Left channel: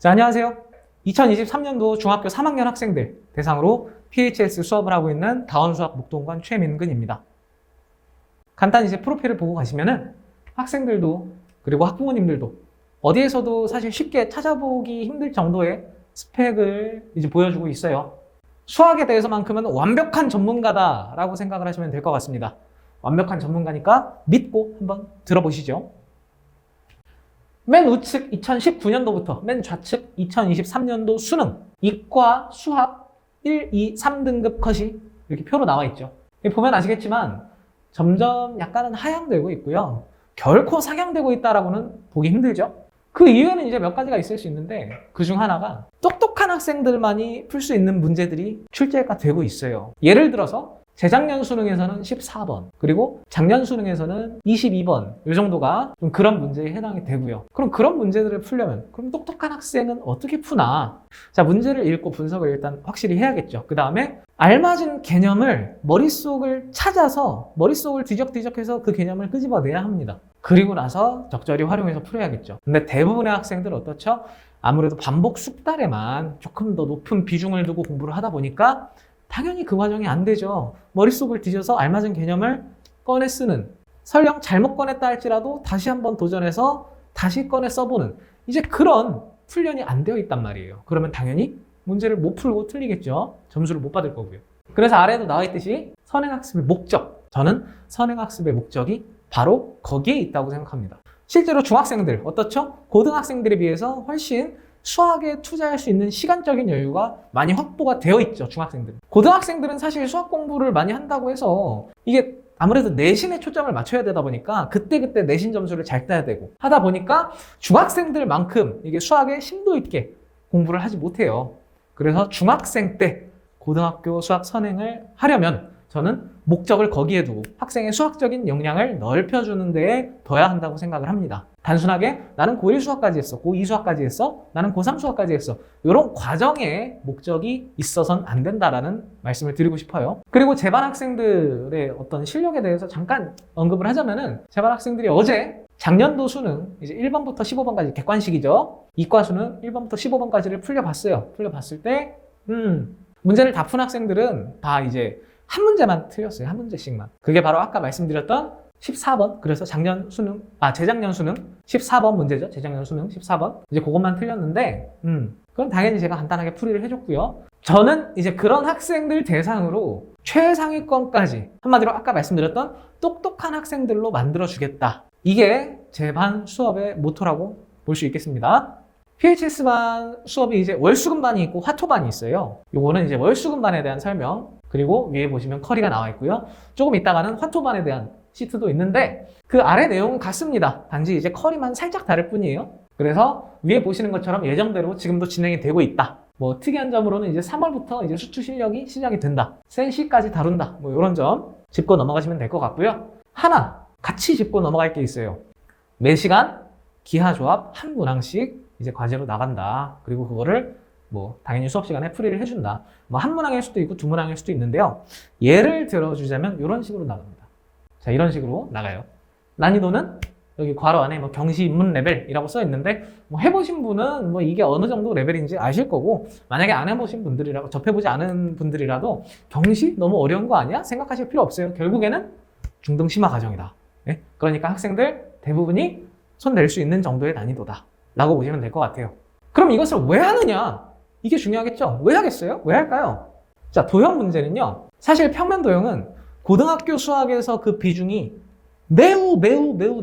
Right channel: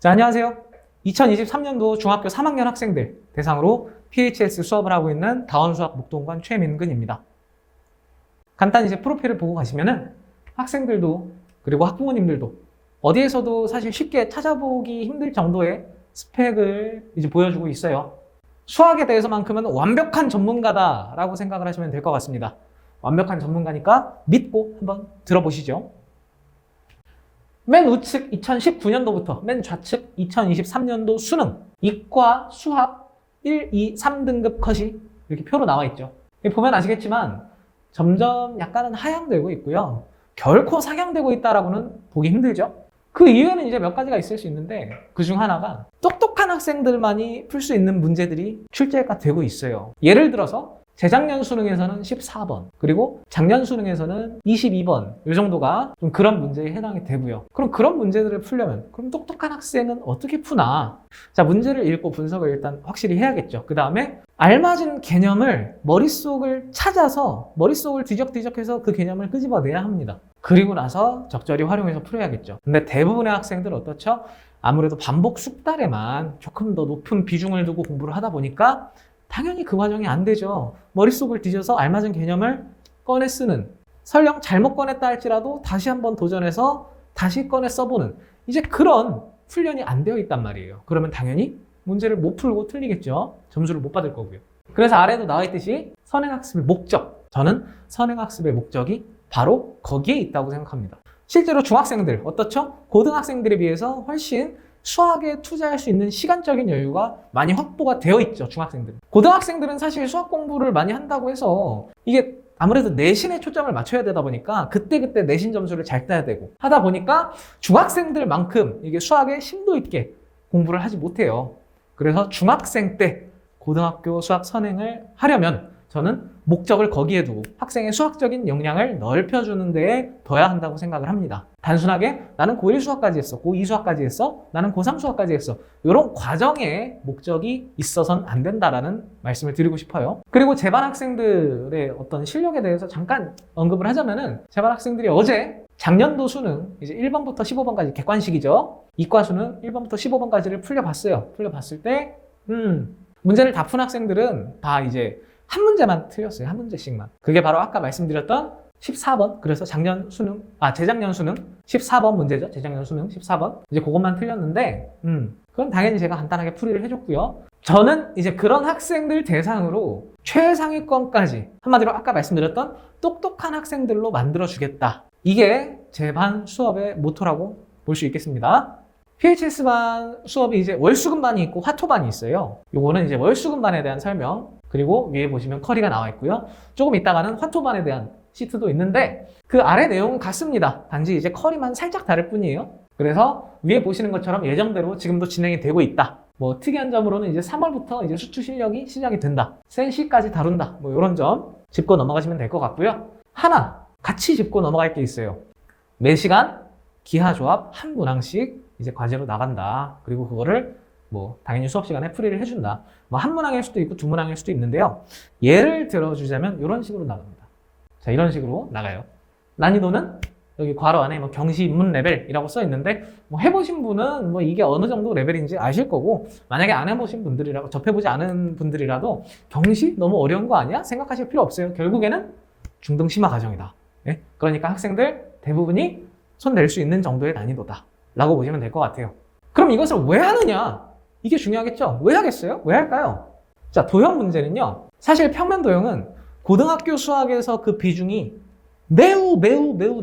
자, 안녕하세요. 2023년도 중학교 3학년 학생들 대상으로 PHS 수업을 하고 있는 다원수학 목동관 최민근입니다. 간단히 이제 프로필을 보고 가시면은 학생들도 그리고 학부모님들도 어디에서도 사실 쉽게 찾아보기 힘들 정도의 스펙을 이제 보여주고 있어요. 수학에 대해서만큼은 완벽한 전문가다라고 생각을 하시면 될 것 같습니다. 완벽한 전문가니까 믿고 한번 들어보시죠. 맨 우측 2019년도부터 맨 좌측 2023년도 수능, 이과, 수학 1, 2, 3등급 컷이 이렇게 표로 나와 있죠. 보면 아시겠지만 점점 약간은 하향되고 있고요. 결코 상향되고 있다라고는 보기 힘들죠. 그 이유는 이제 몇 가지가 있을 수 있는데 그 중 하나가 똑똑한 학생들만이 풀 수 있는 문제들이 출제가 되고 있어요. 예를 들어서 재작년 수능에서는 14번, 그리고 작년 수능에서는 22번, 이 정도가 좀 그런 문제에 해당이 되고요. 그럼 그런 문제들을 풀려면 그럼 똑똑한 학생은 어떻게 푸나? 자, 문제를 읽고 분석을 일단 확실히 해야겠죠. 그 다음에 알맞은 개념을 머릿속을 찾아서 머릿속을 뒤적뒤적해서 그 개념을 끄집어내야 합니다. 그리고 나서 적절히 활용해서 풀어야겠죠. 근데 대부분의 학생들 어떻죠? 아무래도 반복 숙달에만 조금 더 높은 비중을 두고 공부를 하다 보니까 당연히 그 과정이 안 되죠. 머릿속을 뒤져서 알맞은 개념을 꺼내 쓰는, 설령 잘못 꺼냈다 할지라도 다시 한번 도전해서 다시 꺼내 써보는, 이제 그런 훈련이 안 되어 있단 말이에요. 그러면 당연히 문제를 못 풀고 틀리겠죠. 점수를 못 받을 거고요. 그래서 아래도 나와 있듯이 선행학습의 목적, 저는 선행학습의 목적이 바로 거기에 있다고 생각합니다. 실제로 중학생들 어떻죠? 고등학생들에 비해서 훨씬 수학에 투자할 수 있는 시간적인 여유가 많이 확보가 되어 있죠, 중학생들은. 고등학생들은 사실 수학 공부를 많이 한다고 해서 이게 아무래도 내신에 초점을 맞춰야 되다 보니까 그때그때 내신 점수를 잘 따야 되고 하다 보니까 중학생들만큼 이게 수학에 심도 있게 공부를 하지 못해요. 그래서 중학생 때 고등학교 수학 선행을 하려면 저는 목적을 거기에 두고 학생의 수학적인 역량을 넓혀주는 데에 둬야 한다고 생각을 합니다. 단순하게 나는 고1 수학까지 했어, 고2 수학까지 했어, 나는 고3 수학까지 했어, 이런 과정에 목적이 있어서는 안 된다라는 말씀을 드리고 싶어요. 그리고 제반 학생들의 어떤 실력에 대해서 잠깐 언급을 하자면은 제반 학생들이 어제 작년도 수능 이제 1번부터 15번까지 객관식이죠. 이과 수능 1번부터 15번까지를 풀려봤어요. 풀려봤을 때 문제를 다 푼 학생들은 다 이제 한 문제만 틀렸어요. 한 문제씩만. 그게 바로 아까 말씀드렸던 14번. 그래서 재작년 수능 14번 문제죠. 재작년 수능 14번. 이제 그것만 틀렸는데, 그럼 당연히 제가 간단하게 풀이를 해줬고요. 저는 이제 그런 학생들 대상으로 최상위권까지, 한마디로 아까 말씀드렸던 똑똑한 학생들로 만들어주겠다. 이게 제 반 수업의 모토라고 볼 수 있겠습니다. PHS반 수업이 이제 월수금반이 있고 화토반이 있어요. 요거는 이제 월수금반에 대한 설명, 그리고 위에 보시면 커리가 나와 있고요. 조금 이따가는 화토반에 대한 시트도 있는데 그 아래 내용은 같습니다. 단지 이제 커리만 살짝 다를 뿐이에요. 그래서 위에 보시는 것처럼 예정대로 지금도 진행이 되고 있다. 뭐 특이한 점으로는 이제 3월부터 이제 수투 실력이 시작이 된다. 센시까지 다룬다. 뭐 이런 점 짚고 넘어가시면 될 것 같고요. 하나 같이 짚고 넘어갈 게 있어요. 매시간 기하조합 한 문항씩 이제 과제로 나간다. 그리고 그거를 뭐 당연히 수업 시간에 풀이를 해준다. 뭐 한 문항일 수도 있고 두 문항일 수도 있는데요. 예를 들어주자면 이런 식으로 나갑니다. 자, 이런 식으로 나가요. 난이도는 여기 괄호 안에 뭐 경시 입문 레벨이라고 써 있는데 뭐 해보신 분은 뭐 이게 어느 정도 레벨인지 아실 거고, 만약에 안 해보신 분들이라고, 접해보지 않은 분들이라도 경시 너무 어려운 거 아니야? 생각하실 필요 없어요. 결국에는 중등 심화 과정이다. 네? 그러니까 학생들 대부분이 손 댈 수 있는 정도의 난이도다 라고 보시면 될 것 같아요. 그럼 이것을 왜 하느냐? 이게 중요하겠죠? 왜 하겠어요? 왜 할까요? 자, 도형 문제는요, 사실 평면 도형은 고등학교 수학에서 그 비중이 매우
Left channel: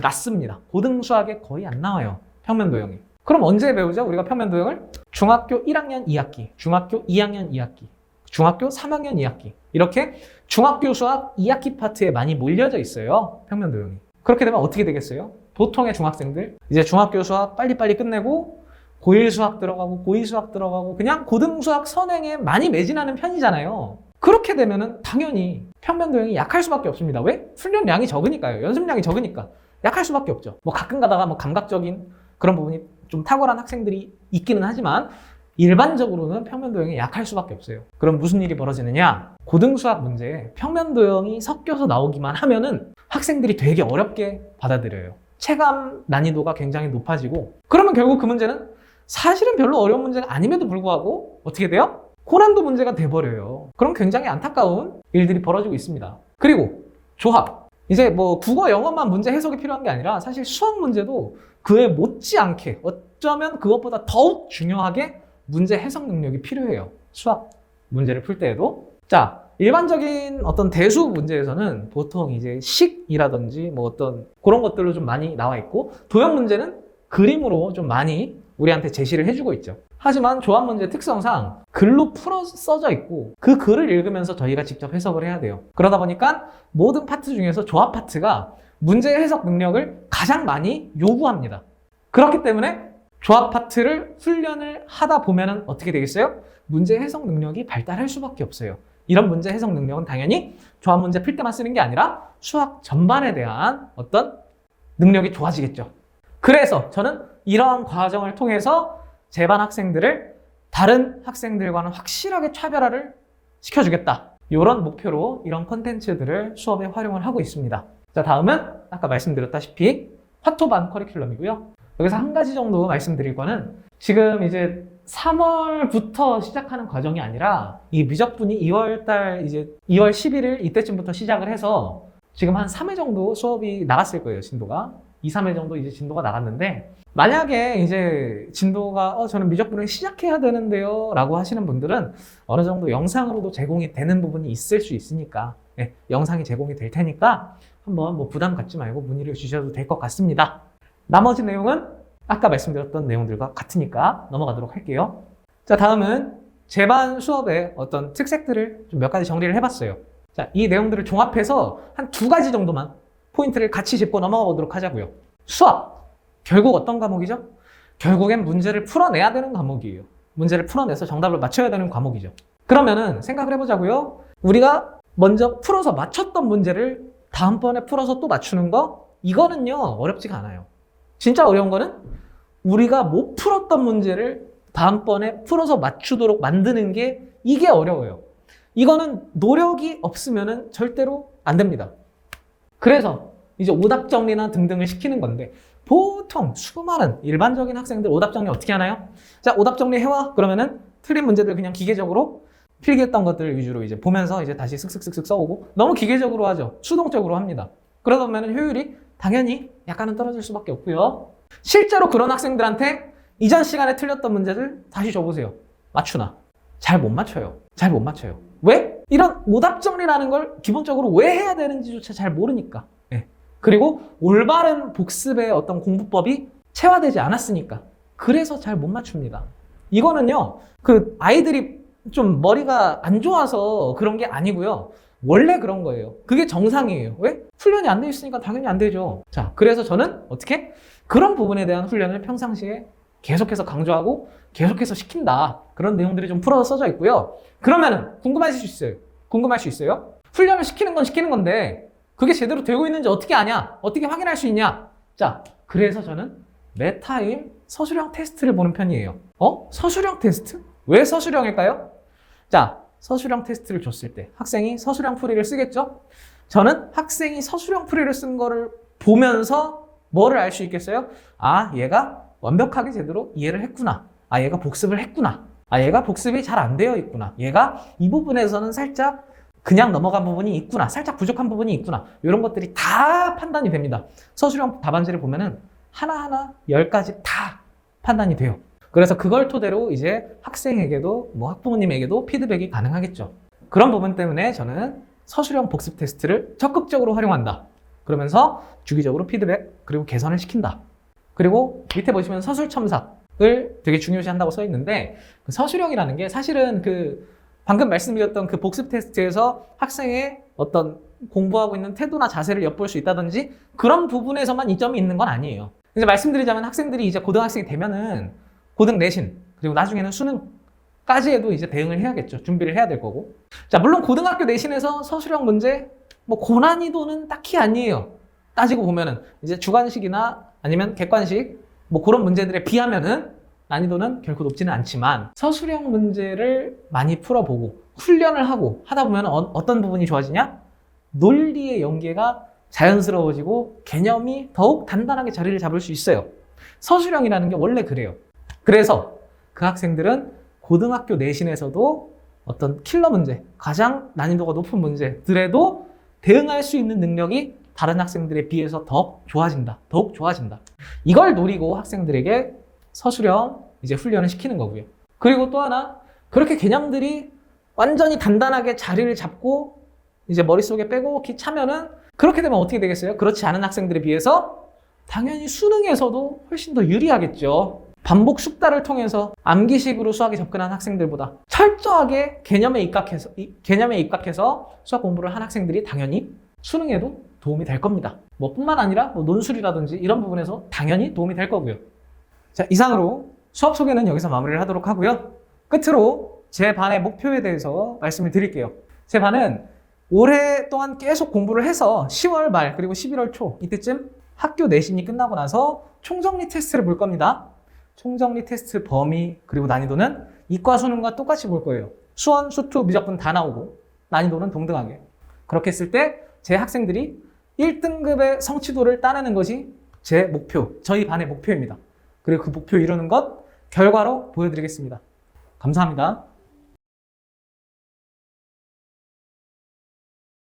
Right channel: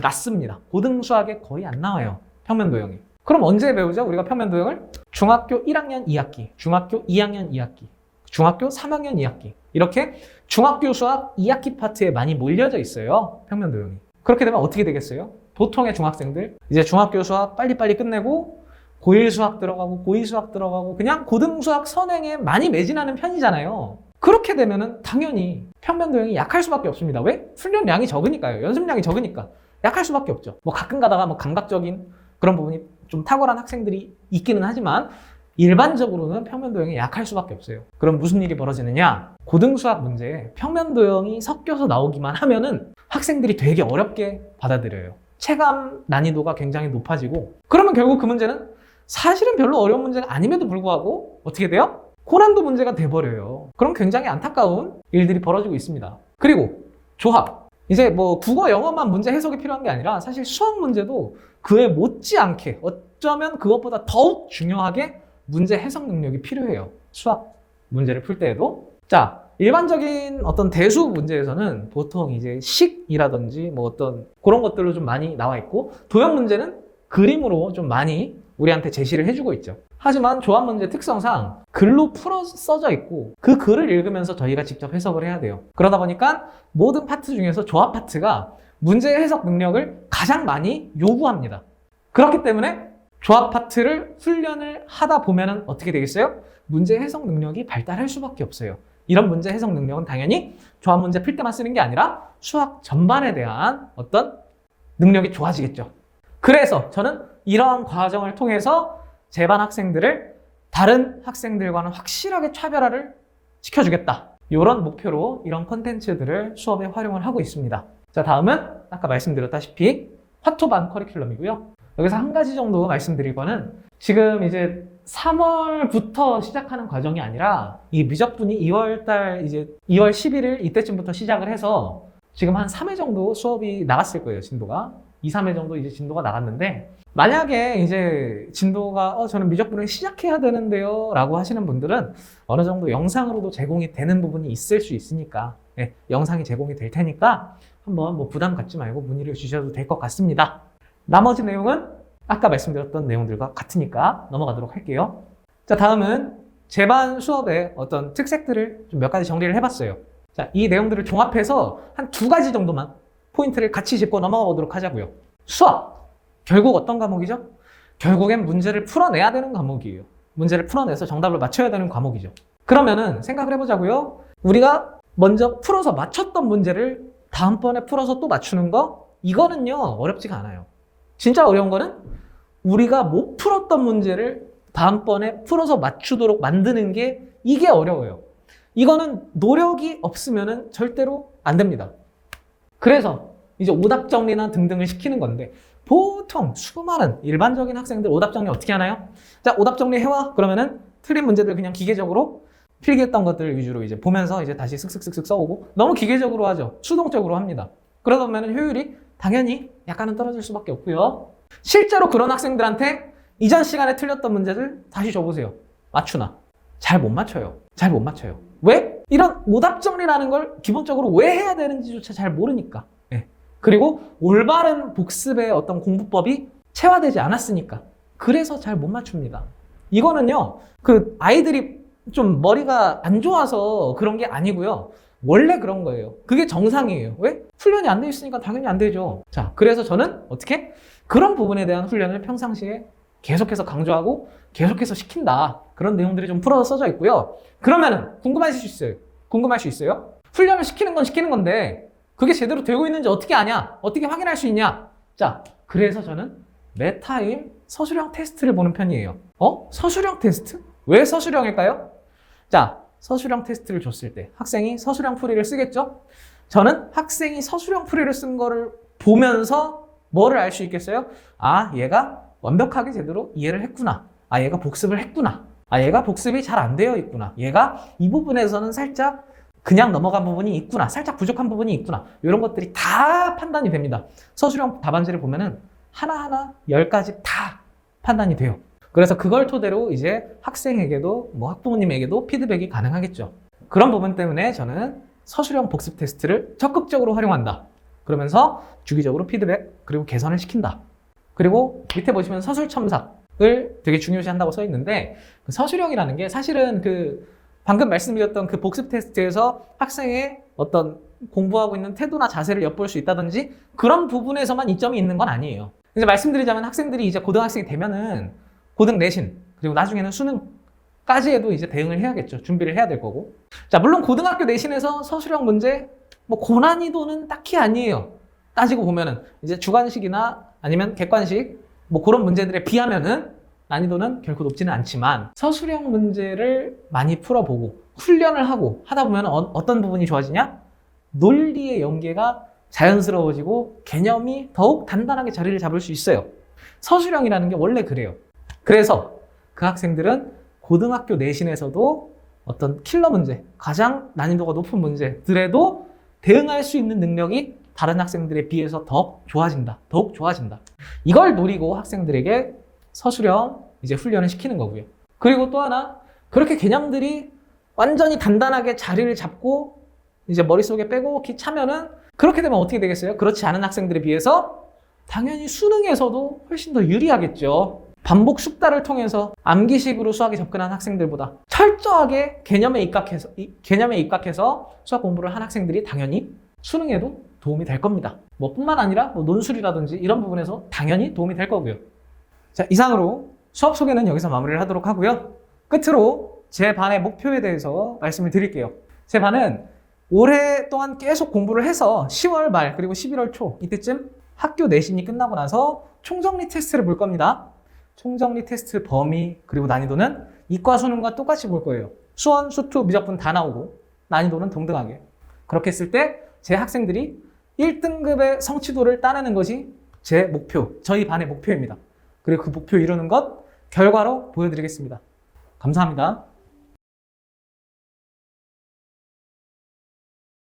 낮습니다. 고등 수학에 거의 안 나와요, 평면 도형이. 그럼 언제 배우죠? 우리가 평면 도형을 중학교 1학년 2학기, 중학교 2학년 2학기, 중학교 3학년 2학기, 이렇게 중학교 수학 2학기 파트에 많이 몰려져 있어요, 평면 도형이. 그렇게 되면 어떻게 되겠어요? 보통의 중학생들 이제 중학교 수학 빨리빨리 끝내고 고1 수학 들어가고 고2 수학 들어가고 그냥 고등 수학 선행에 많이 매진하는 편이잖아요. 그렇게 되면은 당연히 평면 도형이 약할 수밖에 없습니다. 왜? 훈련량이 적으니까요. 연습량이 적으니까 약할 수밖에 없죠. 뭐 가끔 가다가 뭐 감각적인 그런 부분이 좀 탁월한 학생들이 있기는 하지만 일반적으로는 평면 도형이 약할 수밖에 없어요. 그럼 무슨 일이 벌어지느냐? 고등 수학 문제에 평면 도형이 섞여서 나오기만 하면은 학생들이 되게 어렵게 받아들여요. 체감 난이도가 굉장히 높아지고, 그러면 결국 그 문제는 사실은 별로 어려운 문제가 아님에도 불구하고 어떻게 돼요? 고난도 문제가 돼버려요. 그럼 굉장히 안타까운 일들이 벌어지고 있습니다. 그리고 조합. 이제 뭐 국어, 영어만 문제 해석이 필요한 게 아니라 사실 수학 문제도 그에 못지않게 어쩌면 그것보다 더욱 중요하게 문제 해석 능력이 필요해요. 수학 문제를 풀 때에도. 자, 일반적인 어떤 대수 문제에서는 보통 이제 식이라든지 뭐 어떤 그런 것들로 좀 많이 나와 있고, 도형 문제는 그림으로 좀 많이 우리한테 제시를 해주고 있죠. 하지만 조합 문제 특성상 글로 풀어 써져 있고 그 글을 읽으면서 저희가 직접 해석을 해야 돼요. 그러다 보니까 모든 파트 중에서 조합 파트가 문제 해석 능력을 가장 많이 요구합니다. 그렇기 때문에 조합 파트를 훈련을 하다 보면은 어떻게 되겠어요? 문제 해석 능력이 발달할 수밖에 없어요. 이런 문제 해석 능력은 당연히 조합 문제 풀 때만 쓰는 게 아니라 수학 전반에 대한 어떤 능력이 좋아지겠죠. 그래서 저는 이러한 과정을 통해서 제 반 학생들을 다른 학생들과는 확실하게 차별화를 시켜주겠다. 이런 목표로 이런 콘텐츠들을 수업에 활용을 하고 있습니다. 자, 다음은 아까 말씀드렸다시피 화토반 커리큘럼이고요. 여기서 한 가지 정도 말씀드릴 거는 지금 이제 3월부터 시작하는 과정이 아니라 이 미적분이 2월달 이제 2월 11일 이때쯤부터 시작을 해서 지금 한 3회 정도 수업이 나갔을 거예요, 진도가. 2, 3회 정도 이제 진도가 나갔는데, 만약에 이제 진도가 저는 미적분을 시작해야 되는데요 라고 하시는 분들은 어느 정도 영상으로도 제공이 되는 부분이 있을 수 있으니까 영상이 제공이 될 테니까 한번 뭐 부담 갖지 말고 문의를 주셔도 될 것 같습니다. 나머지 내용은 아까 말씀드렸던 내용들과 같으니까 넘어가도록 할게요. 자, 다음은 제 반 수업의 어떤 특색들을 좀 몇 가지 정리를 해봤어요. 자, 이 내용들을 종합해서 한 2가지 정도만 포인트를 같이 짚고 넘어가 보도록 하자고요. 수학! 결국 어떤 과목이죠? 결국엔 문제를 풀어내야 되는 과목이에요. 문제를 풀어내서 정답을 맞춰야 되는 과목이죠. 그러면은 생각을 해보자고요. 우리가 먼저 풀어서 맞췄던 문제를 다음번에 풀어서 또 맞추는 거? 이거는요, 어렵지가 않아요. 진짜 어려운 거는 우리가 못 풀었던 문제를 다음번에 풀어서 맞추도록 만드는 게 이게 어려워요. 이거는 노력이 없으면 절대로 안 됩니다. 그래서 이제 오답 정리나 등등을 시키는 건데, 보통 수많은 일반적인 학생들 오답 정리 어떻게 하나요? 자, 오답 정리 해와. 그러면은 틀린 문제들 그냥 기계적으로 필기했던 것들 위주로 이제 보면서 이제 다시 쓱쓱쓱쓱 써오고, 너무 기계적으로 하죠. 수동적으로 합니다. 그러다 보면 효율이 당연히 약간은 떨어질 수밖에 없고요. 실제로 그런 학생들한테 이전 시간에 틀렸던 문제들 다시 줘보세요. 맞추나? 잘 못 맞춰요. 잘 못 맞춰요. 왜? 이런 오답 정리라는 걸 기본적으로 왜 해야 되는지조차 잘 모르니까. 네. 그리고 올바른 복습의 어떤 공부법이 체화되지 않았으니까. 그래서 잘 못 맞춥니다. 이거는요, 그 아이들이 좀 머리가 안 좋아서 그런 게 아니고요. 원래 그런 거예요. 그게 정상이에요. 왜? 훈련이 안 돼 있으니까 당연히 안 되죠. 자, 그래서 저는 어떻게? 그런 부분에 대한 훈련을 평상시에 계속해서 강조하고 계속해서 시킨다. 그런 내용들이 좀 풀어서 써져 있고요. 그러면은 궁금할 수 있어요. 궁금할 수 있어요? 훈련을 시키는 건 시키는 건데 그게 제대로 되고 있는지 어떻게 아냐? 어떻게 확인할 수 있냐? 자, 그래서 저는 매 타임 서술형 테스트를 보는 편이에요. 서술형 테스트? 왜 서술형일까요? 자, 서술형 테스트를 줬을 때 학생이 서술형 풀이를 쓰겠죠? 저는 학생이 서술형 풀이를 쓴 거를 보면서 뭐를 알 수 있겠어요? 아, 얘가 완벽하게 제대로 이해를 했구나. 아, 얘가 복습을 했구나. 아, 얘가 복습이 잘 안 되어 있구나. 얘가 이 부분에서는 살짝 그냥 넘어간 부분이 있구나. 살짝 부족한 부분이 있구나. 이런 것들이 다 판단이 됩니다. 서술형 답안지를 보면은 하나하나 10가지 다 판단이 돼요. 그래서 그걸 토대로 이제 학생에게도 뭐 학부모님에게도 피드백이 가능하겠죠. 그런 부분 때문에 저는 서술형 복습 테스트를 적극적으로 활용한다. 그러면서 주기적으로 피드백 그리고 개선을 시킨다. 그리고 밑에 보시면 서술 첨삭을 되게 중요시한다고 써 있는데, 그 서술형이라는 게 사실은 그 방금 말씀드렸던 그 복습 테스트에서 학생의 어떤 공부하고 있는 태도나 자세를 엿볼 수 있다든지 그런 부분에서만 이점이 있는 건 아니에요. 이제 말씀드리자면 학생들이 이제 고등학생이 되면은 고등 내신 그리고 나중에는 수능까지에도 이제 대응을 해야겠죠. 준비를 해야 될 거고. 자, 물론 고등학교 내신에서 서술형 문제 뭐 고난이도는 딱히 아니에요. 따지고 보면은 이제 주관식이나 아니면 객관식 뭐 그런 문제들에 비하면은 난이도는 결코 높지는 않지만 서술형 문제를 많이 풀어보고 훈련을 하고 하다 보면 어떤 부분이 좋아지냐? 논리의 연계가 자연스러워지고 개념이 더욱 단단하게 자리를 잡을 수 있어요. 서술형이라는 게 원래 그래요. 그래서 그 학생들은 고등학교 내신에서도 어떤 킬러 문제, 가장 난이도가 높은 문제들에도 대응할 수 있는 능력이 다른 학생들에 비해서 더욱 좋아진다. 이걸 노리고 학생들에게 서술형 이제 훈련을 시키는 거고요. 그리고 또 하나, 그렇게 개념들이 완전히 단단하게 자리를 잡고 이제 머릿속에 빼곡히 차면은 그렇게 되면 어떻게 되겠어요? 그렇지 않은 학생들에 비해서 당연히 수능에서도 훨씬 더 유리하겠죠. 반복 숙달을 통해서 암기식으로 수학에 접근한 학생들보다 철저하게 개념에 입각해서 수학 공부를 한 학생들이 당연히 수능에도 도움이 될 겁니다. 뭐 뿐만 아니라 뭐 논술이라든지 이런 부분에서 당연히 도움이 될 거고요. 자, 이상으로 수업 소개는 여기서 마무리를 하도록 하고요. 끝으로 제 반의 목표에 대해서 말씀을 드릴게요. 제 반은 오랫동안 계속 공부를 해서 10월 말 그리고 11월 초 이때쯤 학교 내신이 끝나고 나서 총정리 테스트를 볼 겁니다. 총정리 테스트 범위 그리고 난이도는 이과 수능과 똑같이 볼 거예요. 수원, 수투, 미적분 다 나오고 난이도는 동등하게. 그렇게 했을 때 제 학생들이 1등급의 성취도를 따내는 것이 제 목표, 저희 반의 목표입니다. 그리고 그 목표 이루는 건 결과로 보여드리겠습니다. 감사합니다.